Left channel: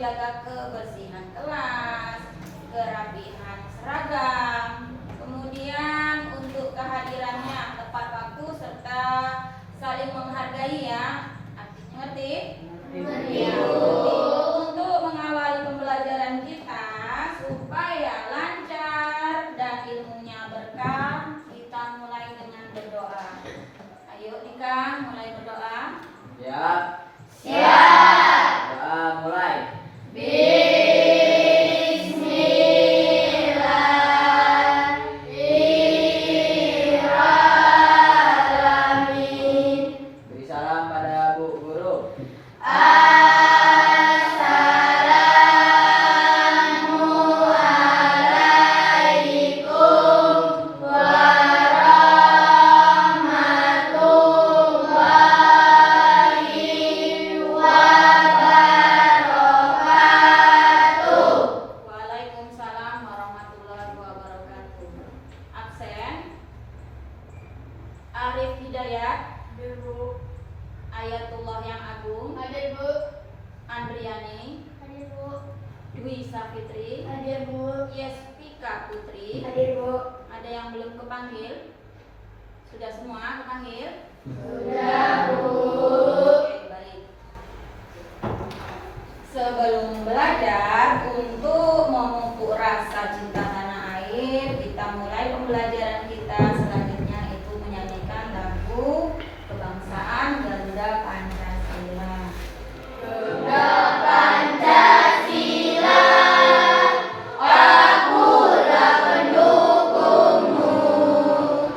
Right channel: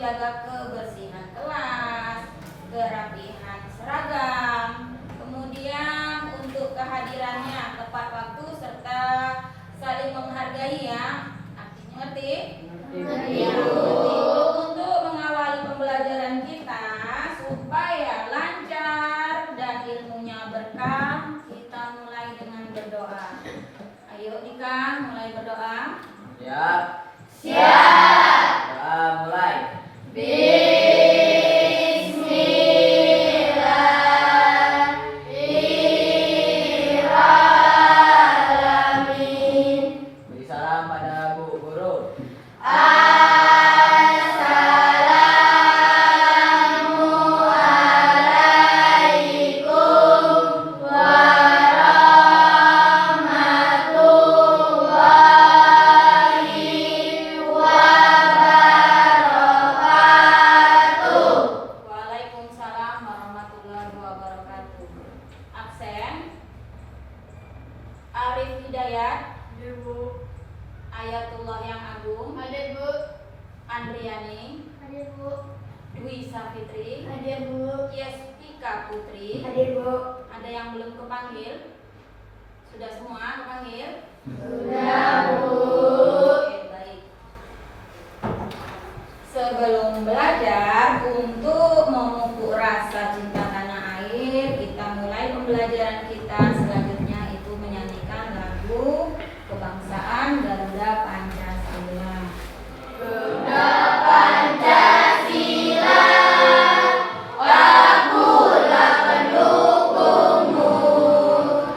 menjaga kebersihan kelas, kerapihan seragam, kemudian untuk kehadirannya tepat waktu serta saling menghargai ya. Artinya ngerti? Ya, untuk mengawali pembelajaran kita supaya lancar dan ilmunya berkah, kita mulai dengan berdoa. Ayo Dika, mulai berdoa. Siap. Siap. Doa mulai. Bismillahirrahmanirrahim. Beri salam pada Bu Guru. Assalamualaikum warahmatullahi wabarakatuh. Waalaikumsalam warahmatullahi wabarakatuh. Absen Arif Hidayat, Bu. Ayatullah yang Agung, Hadir, Bu. Andriani, Hadir, Bu. Dwi Safitri, Hadir, Bu. Yespika Putri. Hadir, Bu. Ada yang belum kepanggil? Sudah semua kepanggil? Sudah, Bu. Oke, baik. Sebelum belajar untuk memupuk rasa cinta tanah air, kita mulai pembelajaran kita selanjutnya itu menyanyikan lagu kebangsaan Garuda Pancasila. Garuda Pancasila, akulah pendukungmu.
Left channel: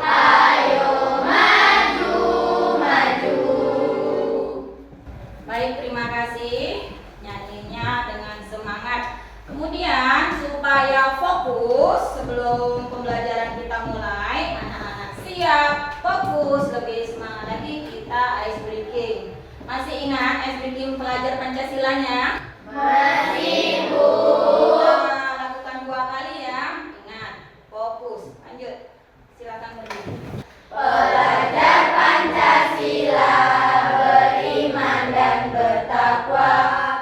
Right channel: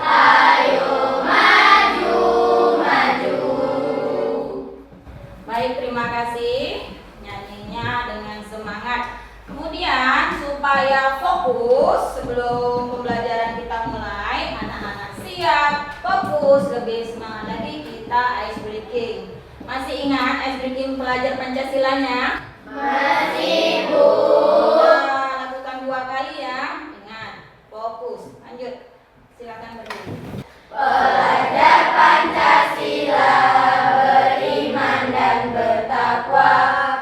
Ayo maju, maju. Baik, terima kasih. Nyanyinya dengan semangat. Kemudian supaya fokus sebelum pembelajaran kita mulai, anak-anak siap, fokus, lebih semangat lagi kita ice breaking. Masih ingat ice breaking pelajar Pancasilanya? Masih, Bu. Kita lakukan 2 kali ya. Ingat, fokus. Lanjut. Silakan berdiri. Pelajar Pancasila beriman dan bertakwa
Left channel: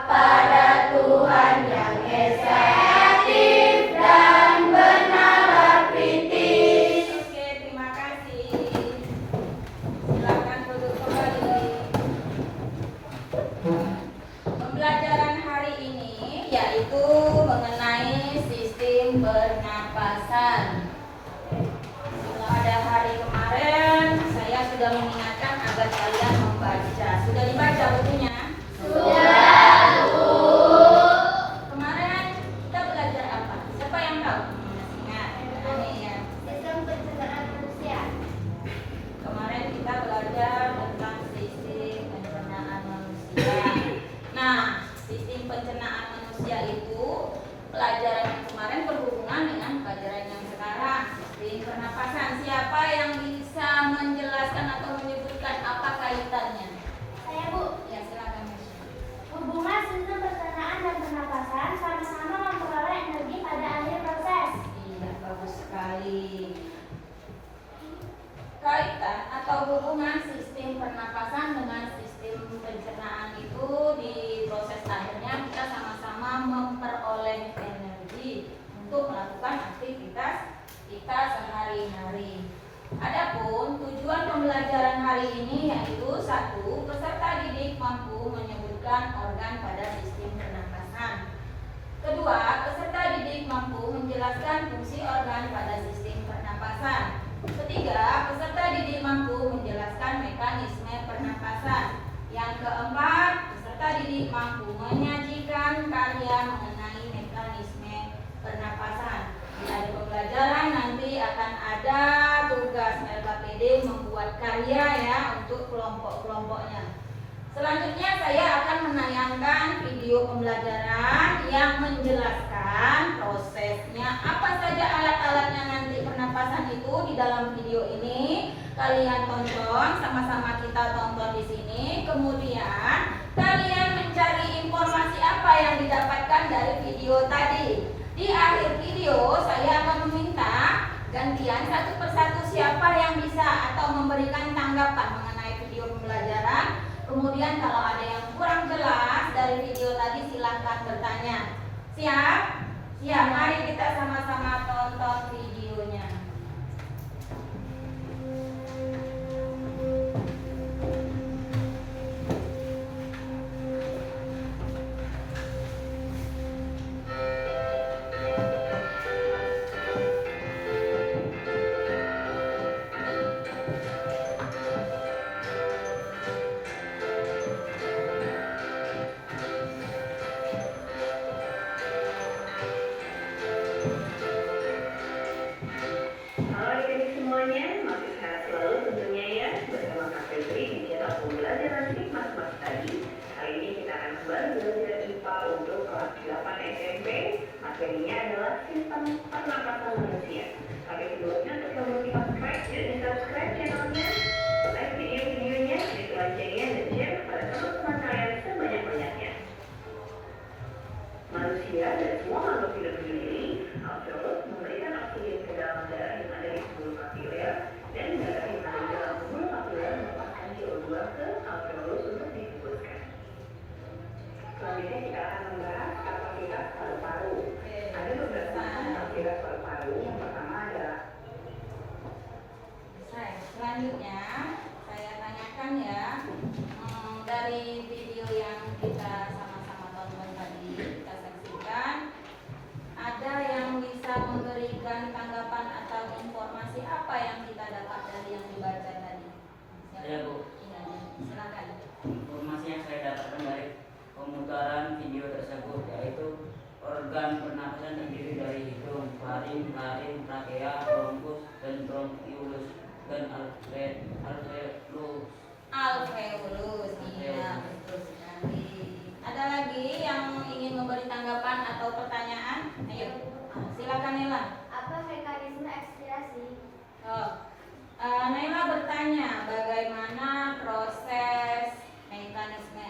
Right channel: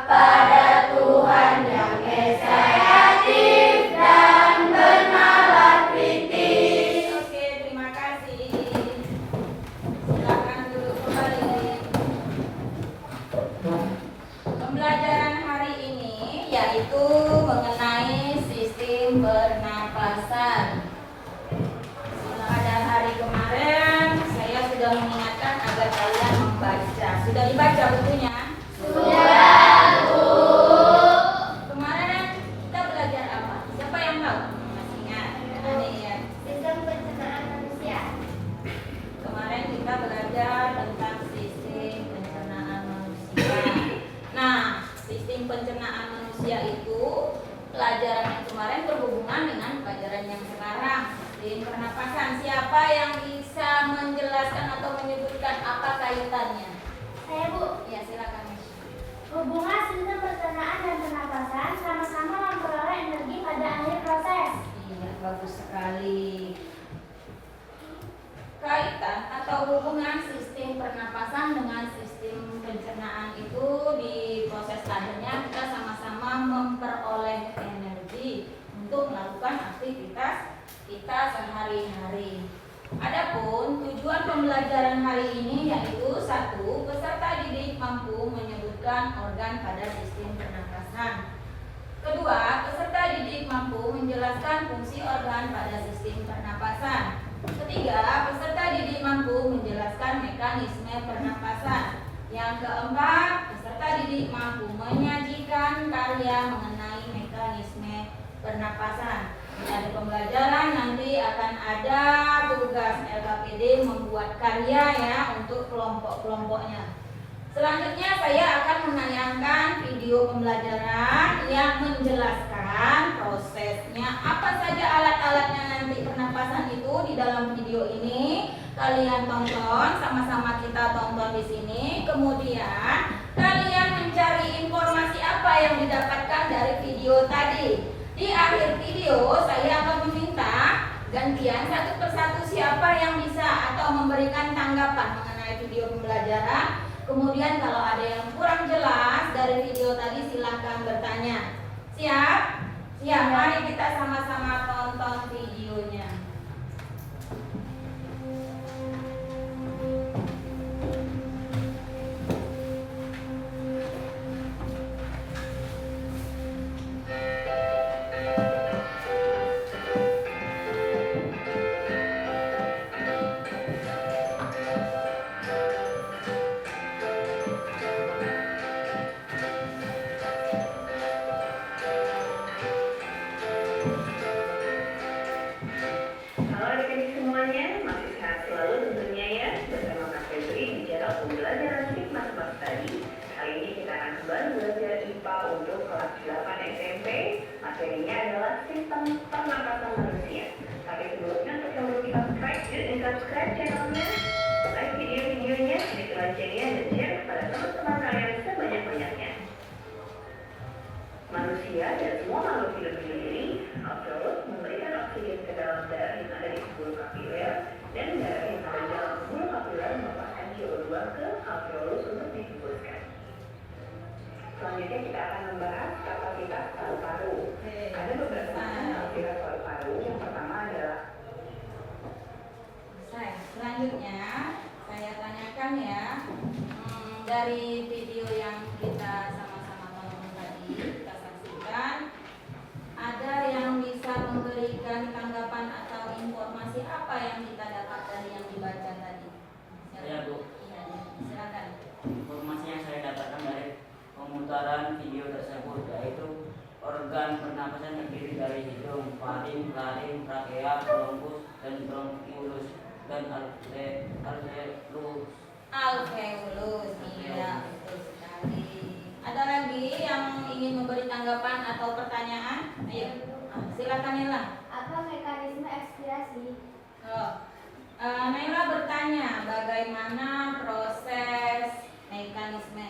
pada Tuhan yang Esa, aktif dan bernalar kritis. Oke, terima kasih. Silakan duduk kembali. Pembelajaran hari ini yaitu mengenai sistem pernapasan. Pada hari kemarin saya sudah mengingatkan agar kalian membaca. Sudah dibaca bukunya? Sudah, Bu. Kemarin kita belajar apa? Siapa yang tahu? Masih ingat? Aneh ya. Sistem pencernaan manusia. Kemarin kita belajar tentang sistem pencernaan manusia. Nah, sistem pencernaan manusia itu pelajaran yang kemarin berhubungan dengan pelajaran yang sekarang. Sistem pernapasan. Siapa yang bisa menjelaskan atau menyebutkan apa kaitannya? Saya, Bu. Ya, silakan. Hubungan sistem pencernaan dan pernapasan sama-sama memperoleh energi pada akhir proses. Iya, bagus sekali. Kaitan atau hubungan sistem pernapasan dengan sistem pencernaan itu di proses akhirnya kita sama-sama memperoleh energi untuk melakukan aktivitas kita sehari-hari. Adapun tujuan pembelajaran hari ini yaitu 1. Peserta didik mampu menyebutkan organ pada sistem pernapasan. 2. Peserta didik mampu menjelaskan fungsi organ pada sistem pernapasan. 3. Peserta didik mampu menjelaskan mekanisme pernapasan. Yang 4. Peserta didik mampu menyajikan karya mengenai mekanisme pernapasan. Dari pembelajaran nanti akan ada tugas LKPD membuat karya ya untuk kelompok-kelompoknya. Selanjutnya saya akan menayangkan video pembelajaran yang menjelaskan prosesnya apa saja alat-alatnya nanti pernapasan itu di dalam video ini. Kalian tonton, sama-sama kita tonton di sini. Kemudian kalian mencari informasi apa yang didapatkan dari video tadi. Di akhir video saya akan meminta gantian satu persatu siapa yang bisa atau memberikan tanggapan mengenai video pembelajaran. Kemudian kalau ada yang kurang jelas dari video tadi silahkan bertanya. Siap? Siap, mari kita sama-sama tonton videonya. Halo adik-adik semuanya, masih sehat selalu tentunya ya. Bersama Kak Febri di channel pembelajaran Hikmat Mas tadi. Kali ini kita akan kembali belajar IPA untuk kelas 8 SMP. Materinya adalah sistem pernapasan manusia. Tapi sebelumnya untuk yang belum subscribe, yuk subscribe channelnya, like video-videonya, klik loncengnya, dan share kepada teman-teman kalian sebanyak-banyaknya. Manusia dan semua makhluk hidup di diri, alveolus memberikan oksigen ke dalam darah yang ada di pembuluh kapiler, dan darah yang ada di dalam pembuluh kapiler melepaskan CO2 ke alveolus untuk dihembuskan. Selanjutnya kita akan membahas kapasitas paru-paru. Ada beberapa macam kapasitas paru-paru. Yang pertama adalah Selanjutnya saya tanyakan ya, dari video yang kita sama-sama tonton tadi, kita saksikan, ada yang bisa memberikan tanggapan atau informasi apa yang kita dapat dari yang dibaca tadi? Saya, Bu. Iya, silakan. Informasi yang saya dapatkan dari pemutaran video tersebut yaitu organ pernapasan terdiri dari hidung, faring, laring, trakea, bronkus, dan bronkiolus dan alveolus. Alveolus, iya betul sekali. Ada lagi yang ingin memberi tanggapan atau pertanyaan? Ayo, silakan Nela. Apa mekanisme ekspirasi? Naila bertanya bagaimana proses mekanisme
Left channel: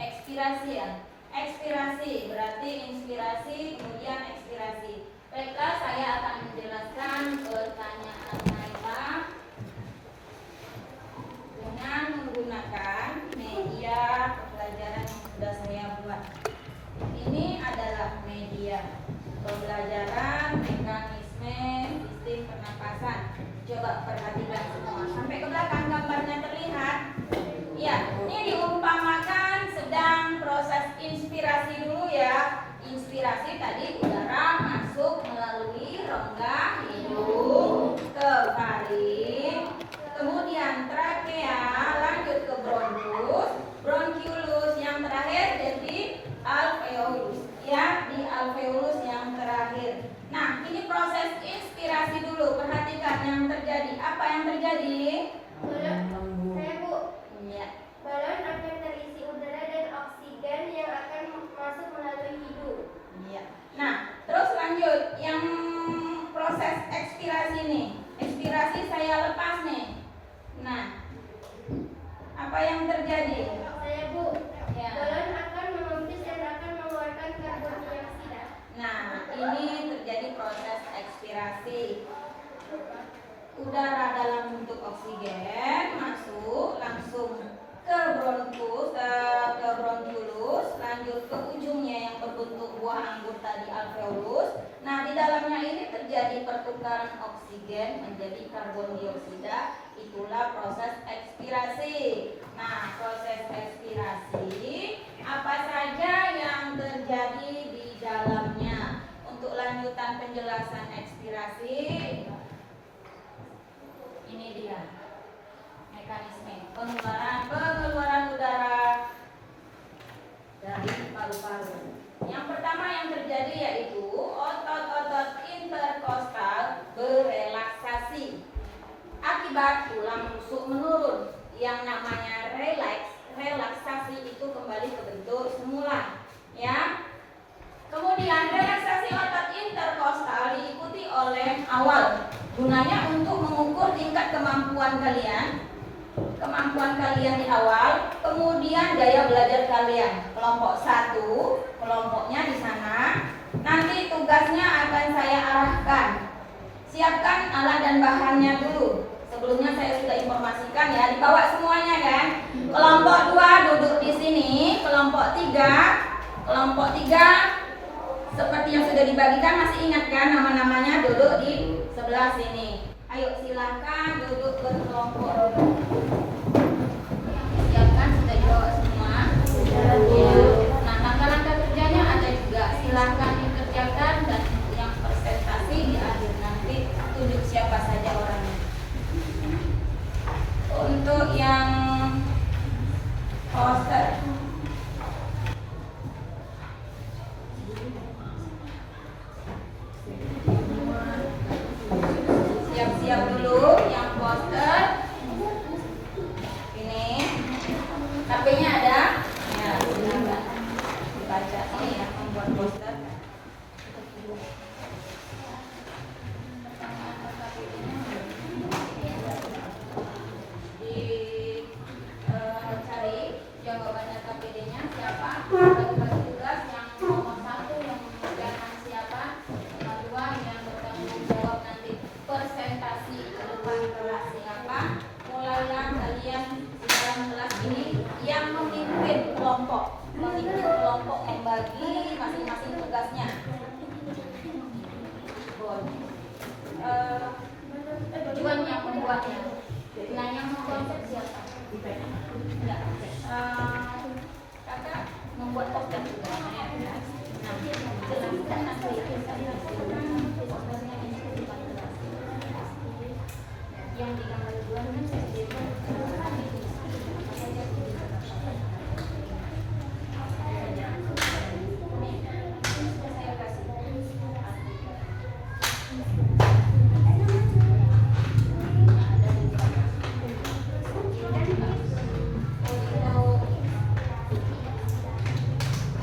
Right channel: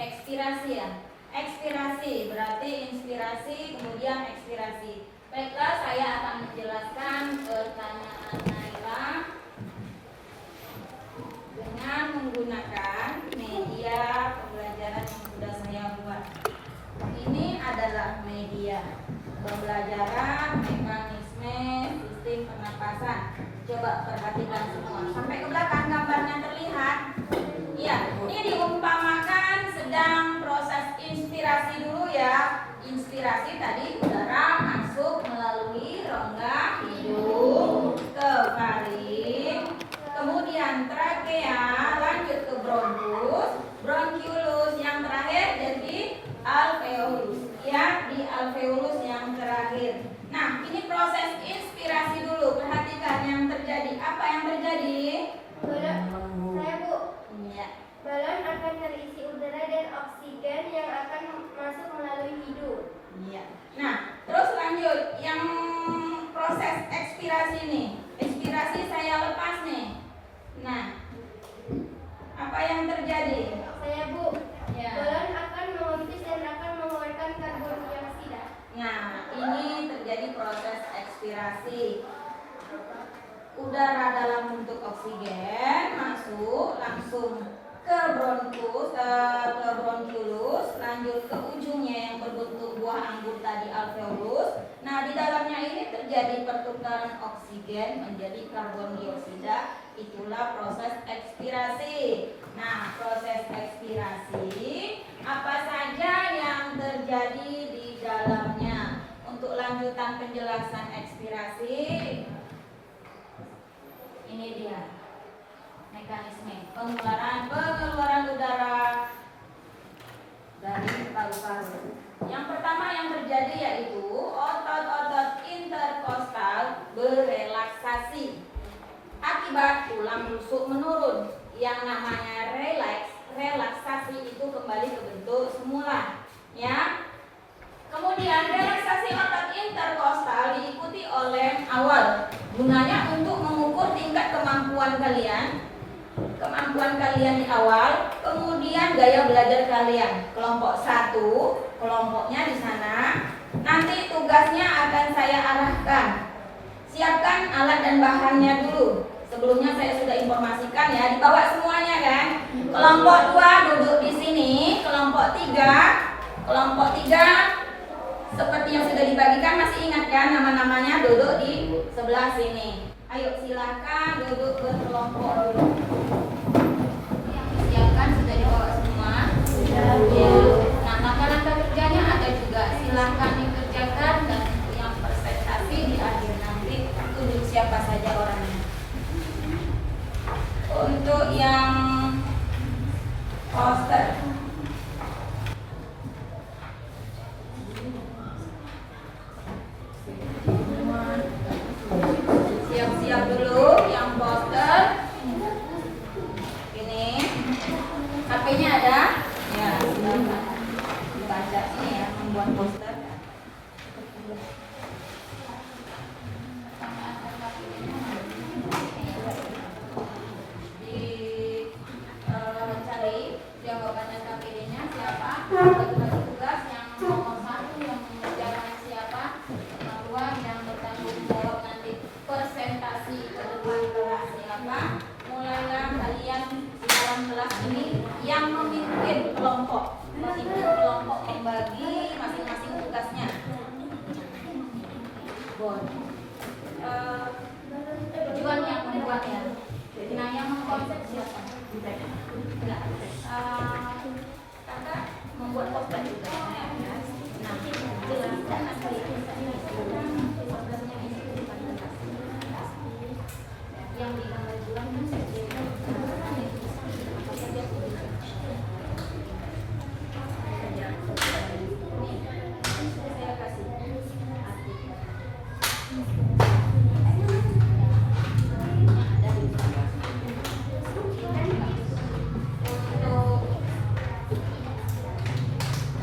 ekspirasi ya? Ekspirasi berarti inspirasi kemudian ekspirasi. Baiklah, saya akan menjelaskan pertanyaan Naila dengan menggunakan media pembelajaran yang sudah saya buat. Ini adalah media pembelajaran mekanisme sistem pernapasan. Coba perhatikan semua. Sampai ke belakang gambarnya terlihat. Iya, ini diumpamakan sedang proses inspirasi dulu ya. Inspirasi tadi udara masuk melalui rongga hidung ke faring, kemudian trakea, lanjut ke bronkus, bronkiolus, yang terakhir jadi alveolus. Ya, di alveolus yang terakhir. Nah, ini proses inspirasi dulu. Perhatikan yang terjadi. Apa yang terjadi? Balon, saya Bu. Ya. Balon akan terisi udara dan oksigen yang akan masuk melalui hidung. Iya. Nah, terus lanjut yang proses ekspirasi nih. Ekspirasi saya lepas nih. Nah, apa yang terjadi? Saya Bu. Ya. Balon akan mengempis dan akan mengeluarkan karbon dioksida. Nah, ini terjadi proses ekspirasi. Udara dalam bentuk oksigen masuk langsung ke bronkus, ke bronkiolus, lanjut ke ujungnya yang berbentuk buah anggur tadi alveolus. Nah, di dalamnya ini terjadi pertukaran oksigen menjadi karbon dioksida. Itulah proses ekspirasi. Nah, proses ekspirasi apa saja yang terjadi di dalamnya? Untuk lanjutan penjelasan ekspirasi, ini dia mekanisme pengeluaran udara dari paru-paru. Yang pertama yang terjadi yaitu otot-otot interkostal berelaksasi akibat tulang rusuk menurun. Yang namanya relaksasi itu kembali ke bentuk semula, ya. Kemudian relaksasi otot interkostal diikuti oleh awal, gunanya untuk mengukur tingkat kemampuan kalian di awal, kemudian gaya belajar kalian. Kelompok 1, kelompoknya di sana. Nanti tugasnya akan saya arahkan. Siapkan alat dan bahannya dulu. Sebelumnya saya sudah informasikan ya, dibawa semuanya kan. Kelompok 2 duduk di sini. Kelompok 3 seperti yang sudah dibagikan, masih ingat kan nama-namanya, duduk di sebelah sini. Ayo silakan duduk berkelompok dulu. Siapkan, sudah dibawa semua. Ya. Nah, langkah-langkah kerjanya ada juga. Silakan dikerjakan dan yang presentasi di akhir nanti tunjuk siapa saja orangnya. Untuk yang poster, siap-siap dulu yang poster. Ini HP-nya ada? Ya, silakan dibaca ini ya, membuat poster. Cari jawabannya KPD-nya siapa? Bagi tugas yang nomor 1 yang mengerjakan siapa? Yang 2 yang bertanggung jawab nanti presentasi ke depan kelas siapa? Mulailah kalian di dalam kelas ini yang memimpin kelompok, membagi masing-masing tugasnya. Tujuan yang membuatnya. Nah, yang mengkonsep siapa? Ya. Kakak membuat poster juga. Nah, jelaskan nanti yang digambar duluan saya kasih.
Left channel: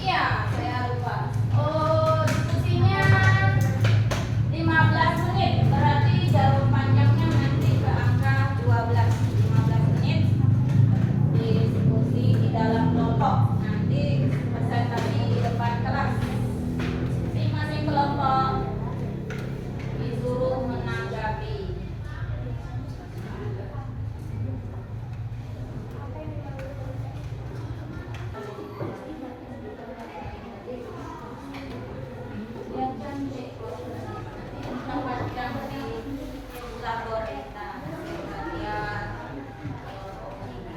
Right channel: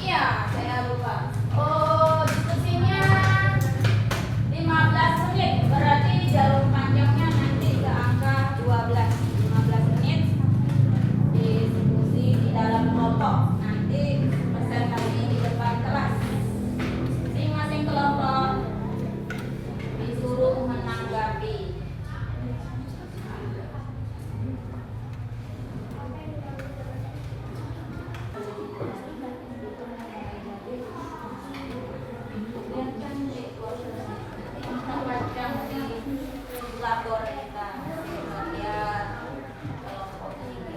Iya, saya lupa. Oh, diskusinya 15 menit. Berarti jalur panjangnya nanti ke angka 12. 15 menit diskusi di dalam kelompok. Nanti presentasi di depan kelas. Masing-masing kelompok disuruh menanggapi. Tempatkan di labor kita bagian kelompok 1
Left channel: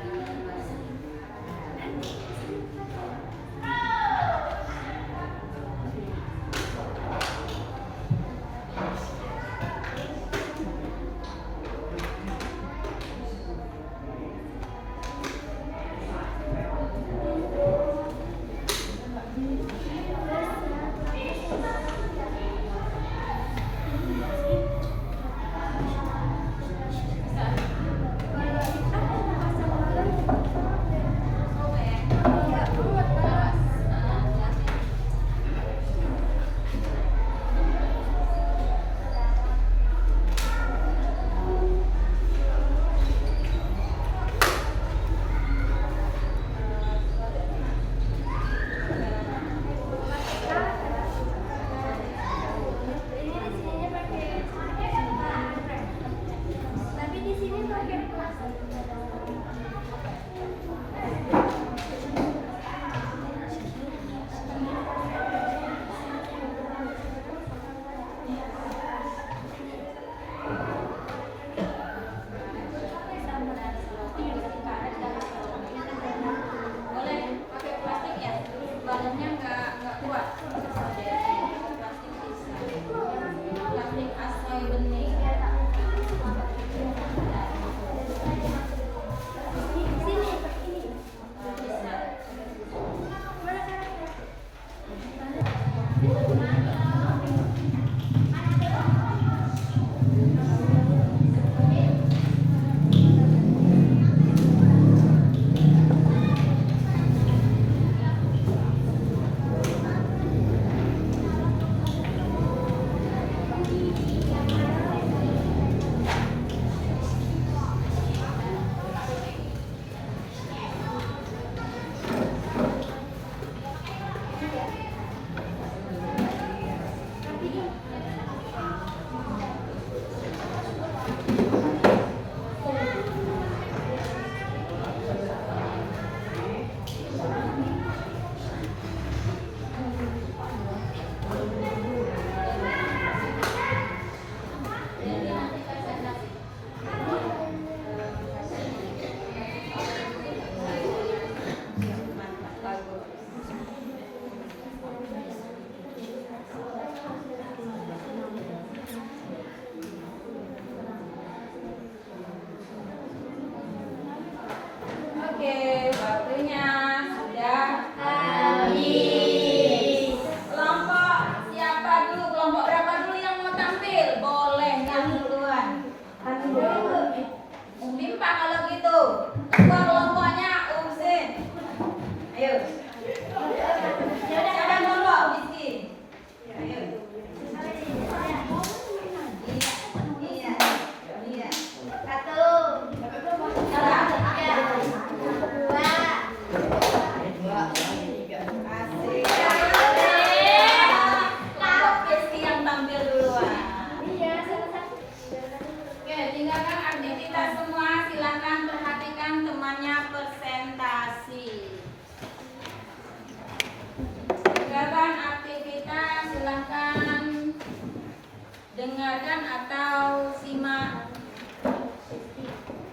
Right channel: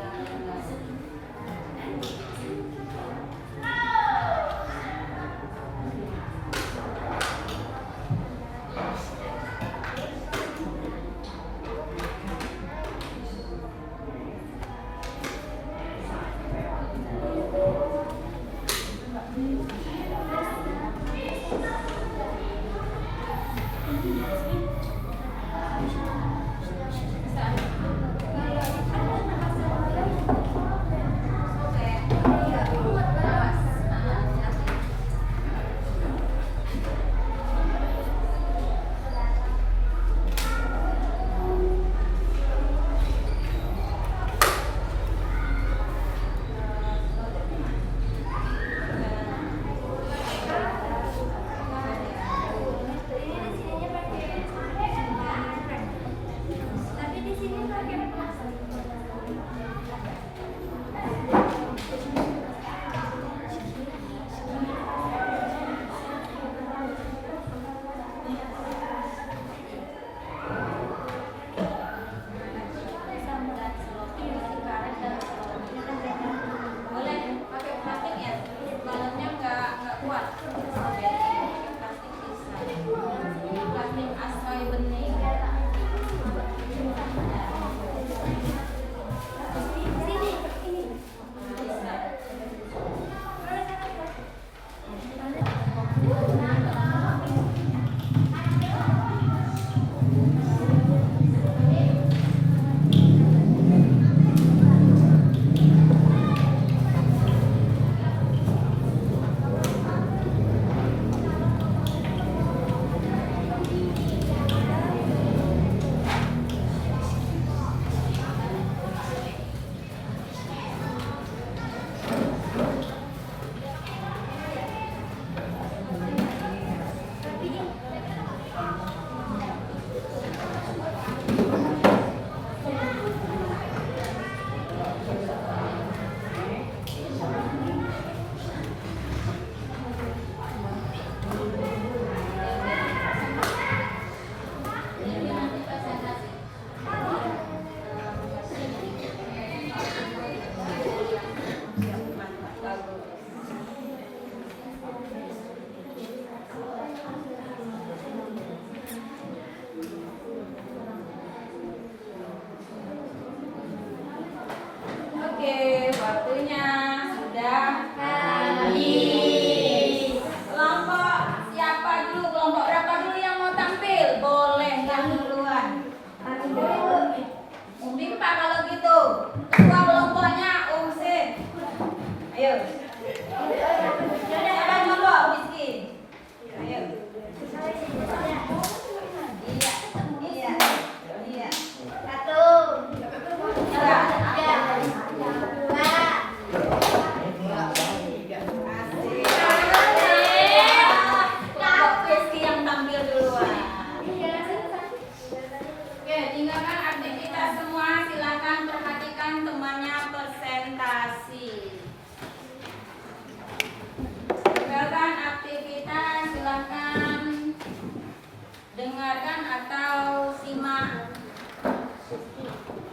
dengarkan atau simak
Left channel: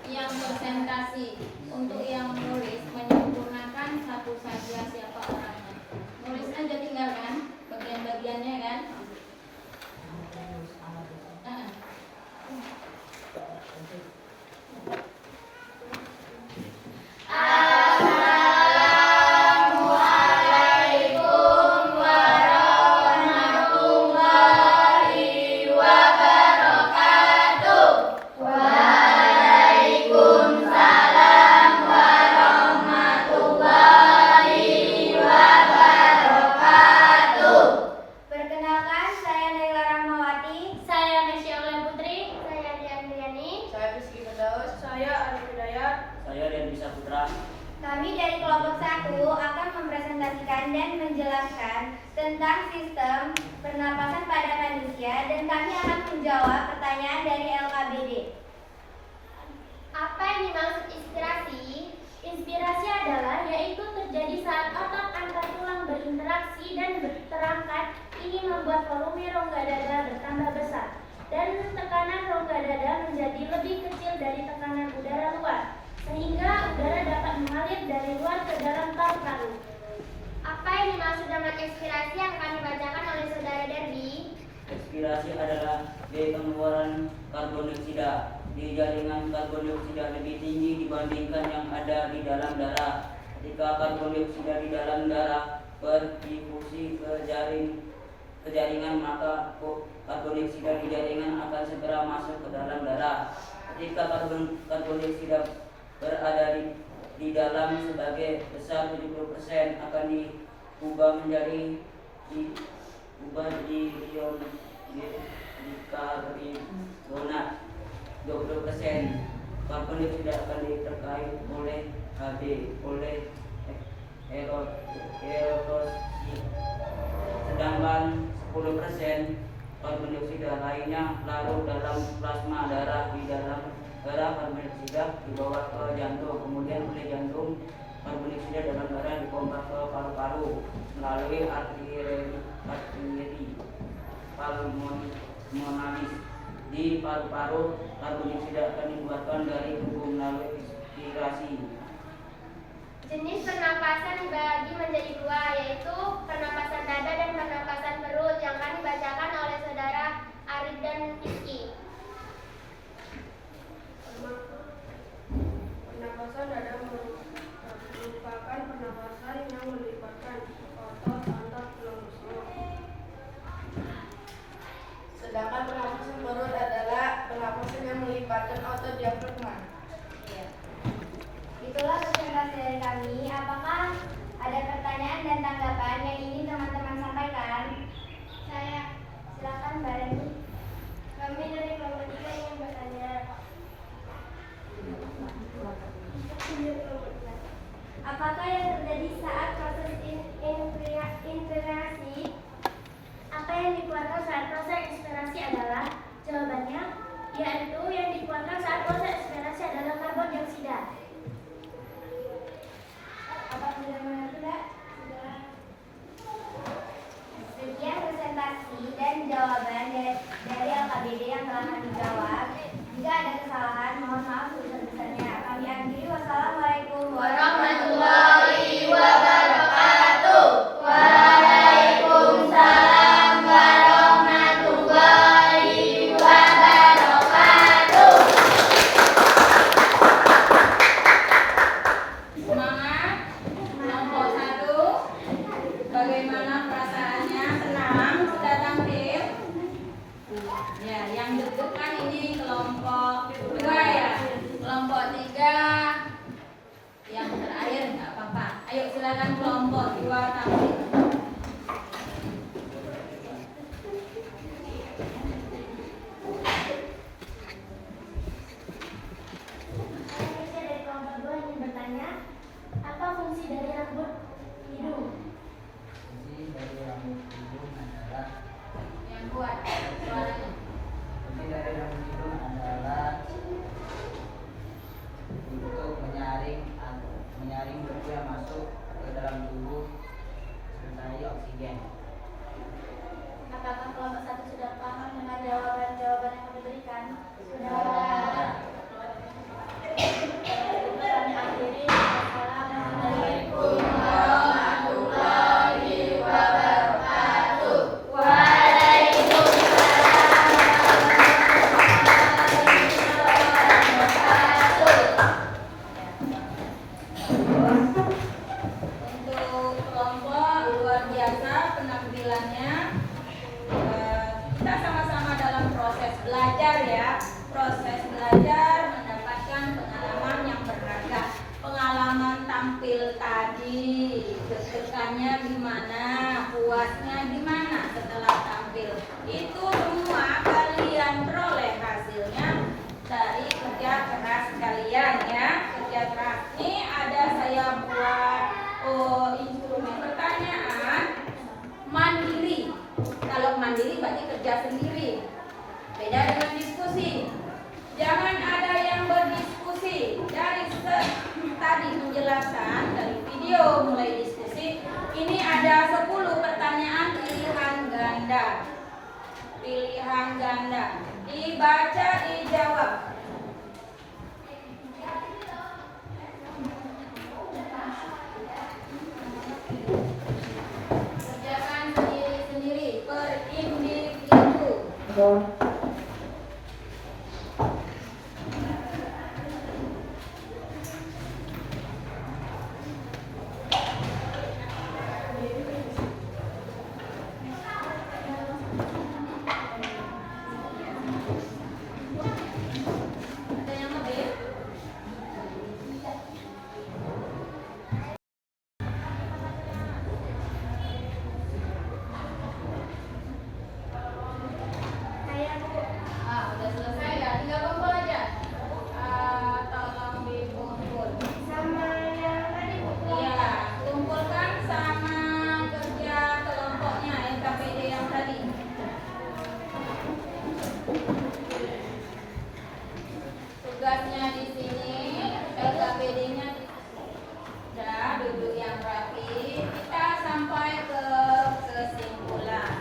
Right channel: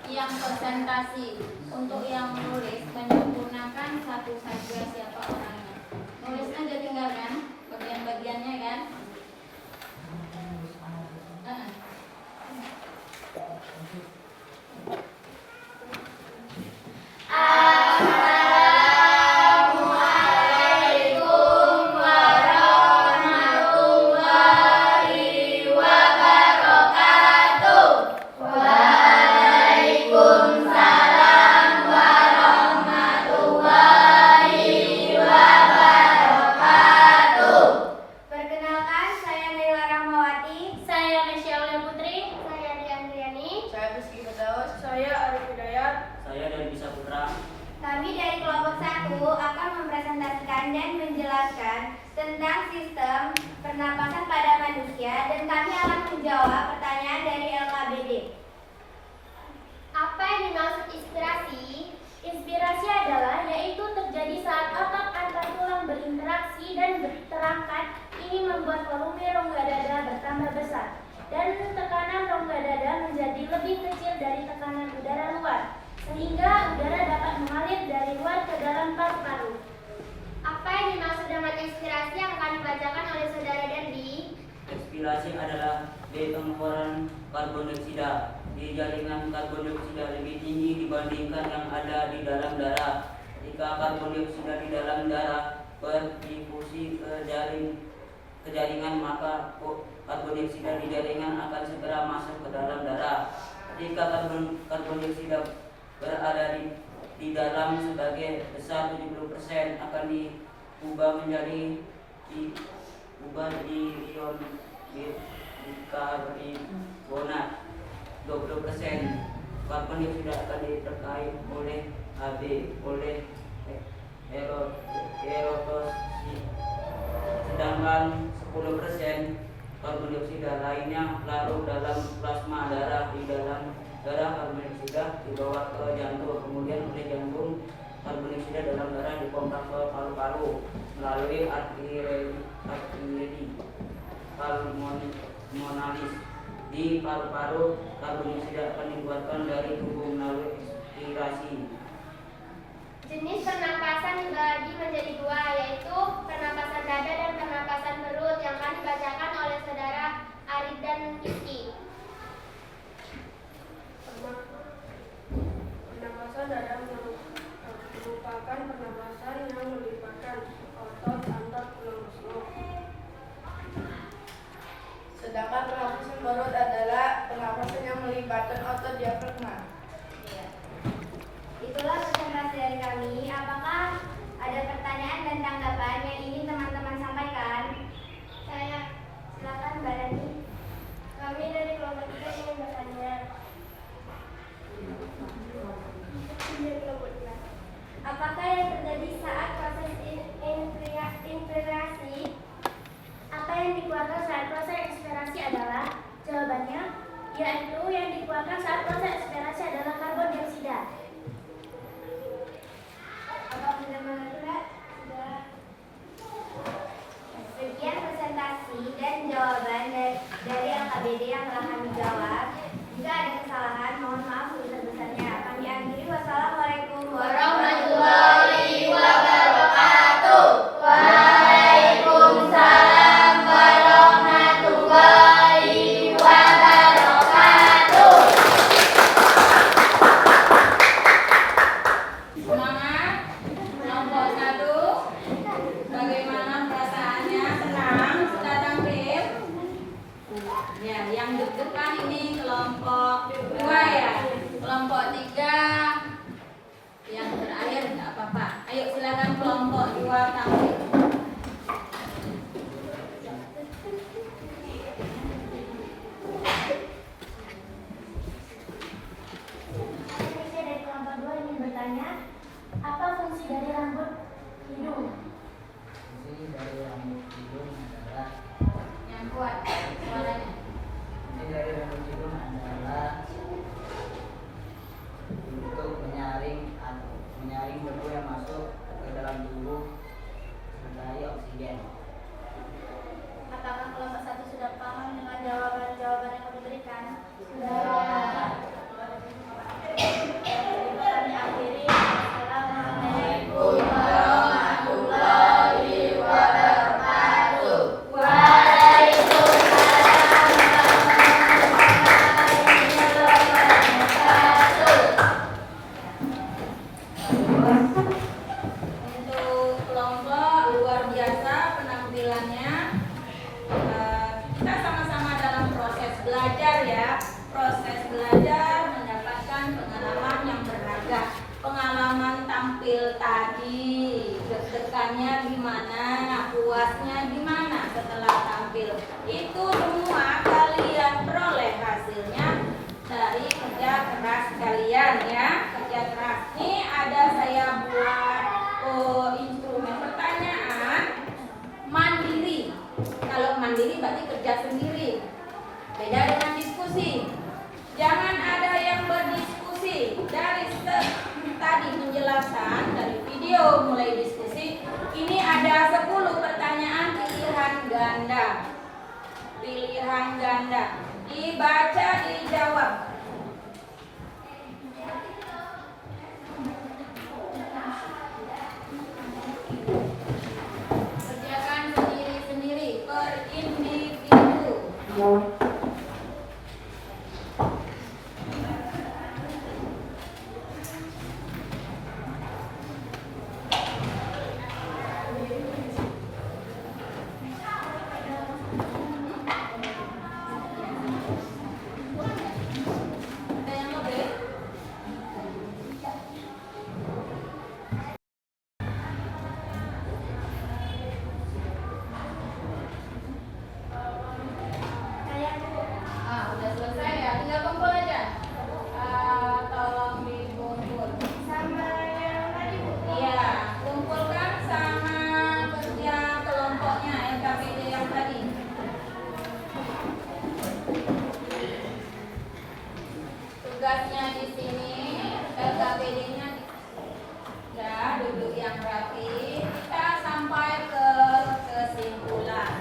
yang presentasi. Untuk yang menulis menyempurnakan satu saja siapa orangnya. Nulis aja tinggalkan bagian-bagiannya kan. Assalamualaikum warahmatullahi wabarakatuh. Waalaikumsalam warahmatullahi wabarakatuh. Perkenalkan, saya Naila Rahmawati. Saya Nesya Aulia Putri. Saya Diandriani. Saya Rizky Firdaus. Saya Arif Hidayat. Saya dan Bisa Putra. Kami dari kelompok 1 akan mempresentasikan dan menjelaskan tentang sistem pernapasan pada manusia, dan kami akan menjawab pertanyaan dari LKBD. Apa yang dimaksud inspirasi? Inspirasi adalah yaitu terjadi saat otot antar tulang berinteraksi dan terangkat. Ini membuat volume rongga dada bertambah besar dan tekanan rongga dada menjadi lebih kecil dari tekanan udara luar, sehingga udara dapat mengalir dari luar ke dalam paru-paru. Apa yang dimaksud dengan inspirasi yang akan dibacakan oleh saudara Dendi? Ekspirasi adalah pengeluaran karbon dioksida. Di jaringan karbon dioksida lebih tinggi dibandingkan yang ada di dalam darah. Ketika karbon dioksida di dalam darah berdifusi ke jaringan, maka karbon dioksida di jaringan akan segera masuk ke dalam darah. Ketika karbon dioksida berada di dalam sebagai besar 70% akan diubah menjadi ion bikarbonat. 20% karbon dioksida akan diterkai oleh Hb oleh erotosi, sedangkan 10% karbon dioksida lainnya larut dalam plasma darah. Di dalam darah karbon dioksida dibawa ke jantung, kemudian oleh jantung karbon dioksida dalam darah dipompa ke paru-paru melalui arteri pulmonalis. Di paru-paru karbon dioksida akan dikeluarkan dari tubuh melalui inspirasi. Jenis pernapasan dibagi menjadi dua, yaitu pernapasan dada dan pernapasan perut, yang akan dibacakan oleh saudara Arif dan Rizky. Pernapasan dada merupakan pernapasan yang melibatkan otot antar tulang rusuk. Sedangkan pernapasan perut adalah pernapasan yang melibatkan otot diafragma. Itulah presentasi dari kami. Apakah ada pertanyaan dan tanggapan yang ingin teman-teman sampaikan? Saya, silakan Mbak Rani. Kami dari kelompok 3 ingin bertanya. Apakah yang terjadi saat proses inspirasi? Apa yang dikeluarkan saat proses inspirasi adalah? Jawabannya, yaitu yang dikeluarkan saat proses inspirasi adalah karbon dioksida. Apa sudah mengerti, Mbak? Sudah. Sekian presentasi dan jawaban dari LKBD yang telah kami jawab. Jika ada kesalahan, mohon maaf sebesar-besarnya. Kami akhiri. Wassalamualaikum warahmatullahi wabarakatuh. Waalaikumsalam warahmatullahi wabarakatuh. Semangat. Kelompok 1. Bagaimana perasaannya? Senang sudah tampil? Ya, yang deg-degan ini tampilannya. Kita sama-sama dalam proses belajar ya. Proses belajar mendapatkan pengalaman yang berharga. Pengalaman tampil tadi, deg-degannya gimana, puasnya gimana setelah tampil. Itu semua kalian peroleh hasilnya dari kerja keras kalian ya. Kerja keras. Ini ada saya buat instrumen pertanyaan mandiri. Kalau mandiri berarti kerja sendiri. Beda dengan diskusi. Jangan ada yang berdiskusi. Dari tadi penjelasan dari video mulai diskusi, ini ada 10 pertanyaan pilihan ganda. Pilihan ganda. Dibaca, dijawab. Kerjakan sendiri-sendiri per individu. Ada yang lebih? Udah selesai ya, tinggal kumpul aja. Tolong dikumpul. Sama yang tadi Bu. Iya, kumpulkan sama kerja kelompoknya LKPD yang tadi. Tugasnya di sini, LKPD-nya udah duduk yang rapi. Kita sampai ke kesimpulan.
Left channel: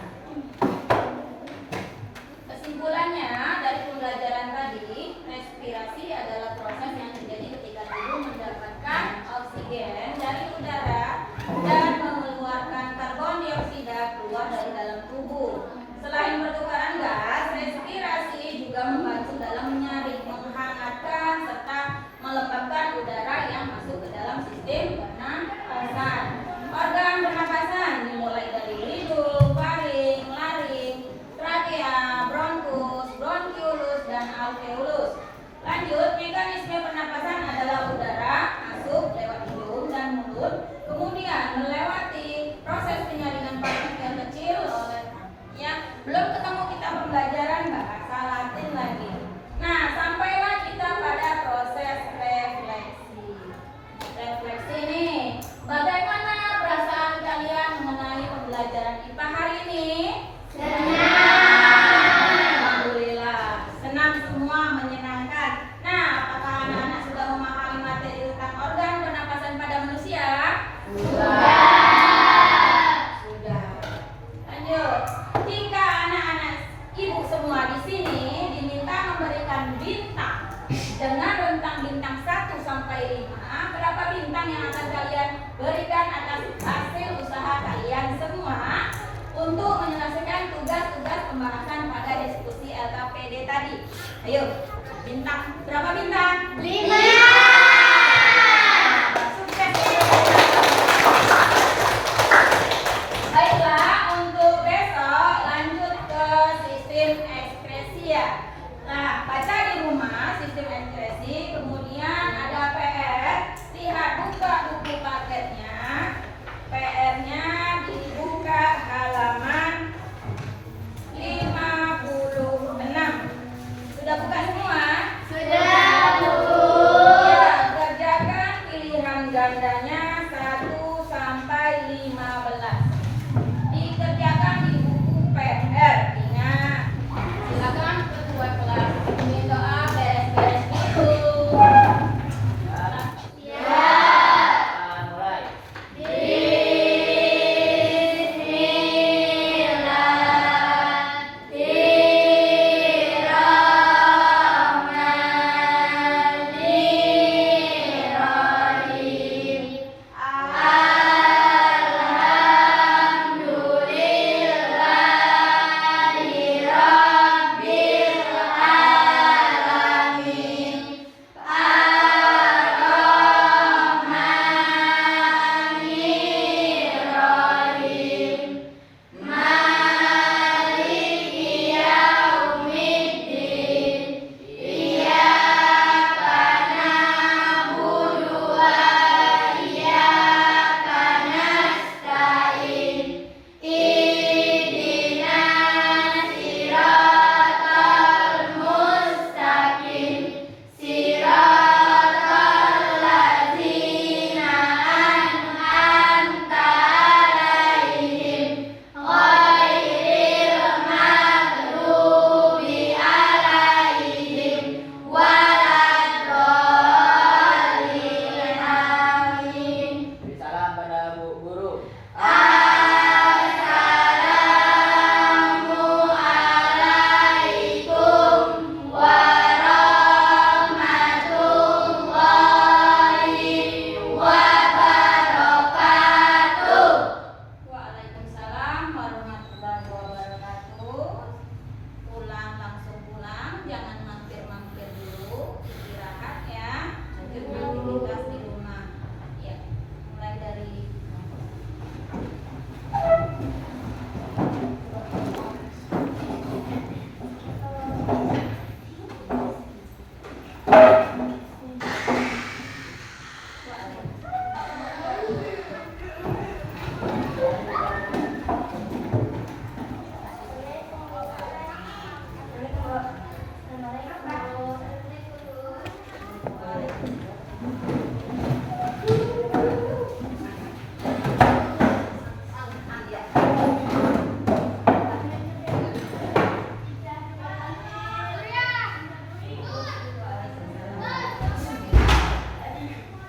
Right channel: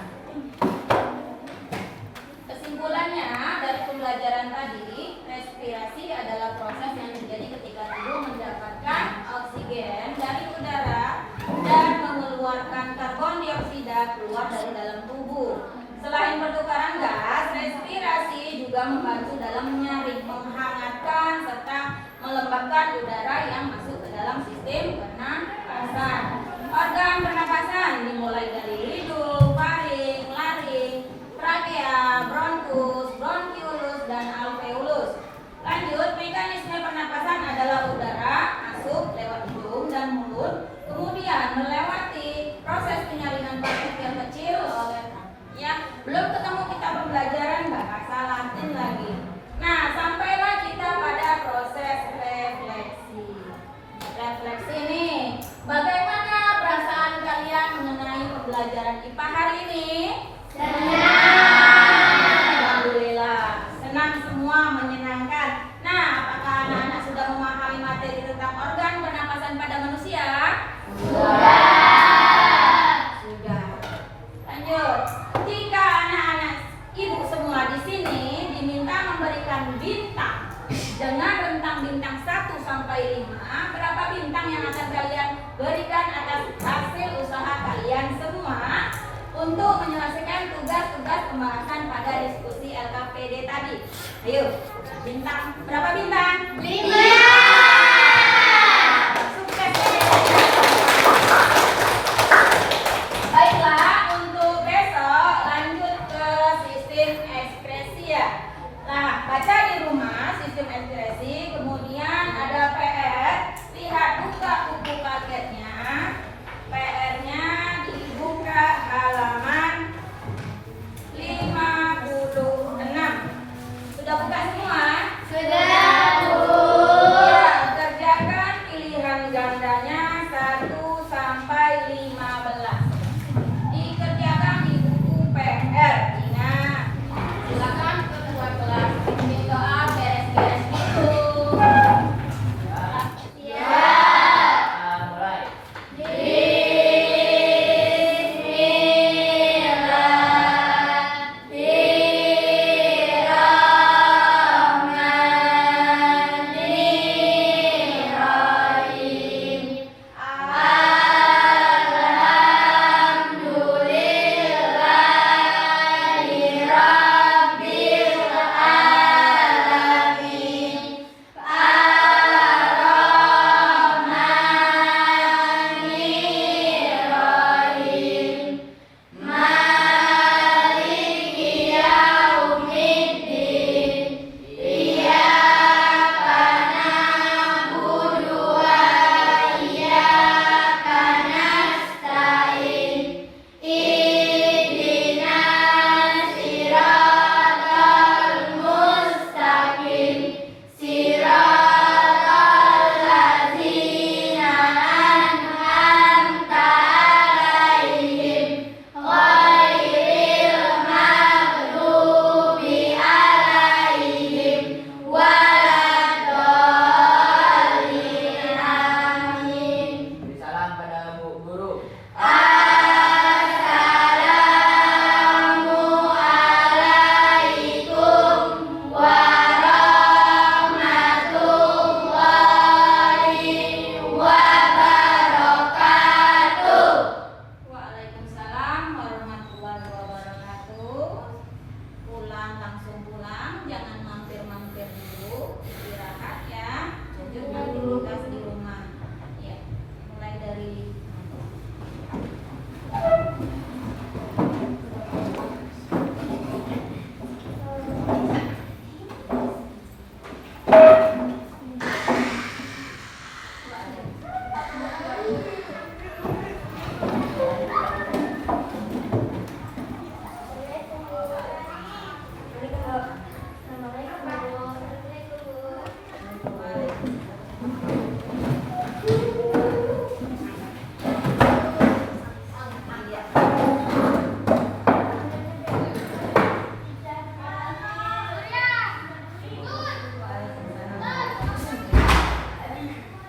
Kesimpulannya dari pembelajaran tadi, respirasi adalah proses yang terjadi ketika tubuh mendapatkan oksigen dari udara dan mengeluarkan karbon dioksida keluar dari dalam tubuh. Selain pertukaran gas, respirasi juga membantu dalam menyaring, menghangatkan, serta melembabkan udara yang masuk ke dalam sistem pernapasan. Organ pernapasan dimulai dari hidung, faring, laring, trakea, bronkus, bronkiolus, dan alveolus. Lanjut, mekanisme pernapasan adalah udara masuk lewat hidung dan mulut, kemudian melewati proses penyaringan partikel kecil oleh belum ketemu kita pembelajaran bahasa Latin lagi. Nah, sampailah kita pada proses refleksi. Refleksi nih, bagaimana perasaan kalian mengenai pembelajaran IPA hari ini? Alhamdulillah, senang semua, menyenangkan. Nah, apakah anak-anak sudah memahami materi tentang organ pernapasan pada manusia? Sudah. Lanjut. Jika anak-anak ibu semua di sini diminta memberikan bintang dengan rentang bintang 1 sampai 5, berapa bintang yang akan kalian berikan atas hasil usaha kalian semua untuk menyelesaikan tugas-tugas pembahasan pada diskusi LKPD tadi? Ayo, bintang berapa bintang? 5.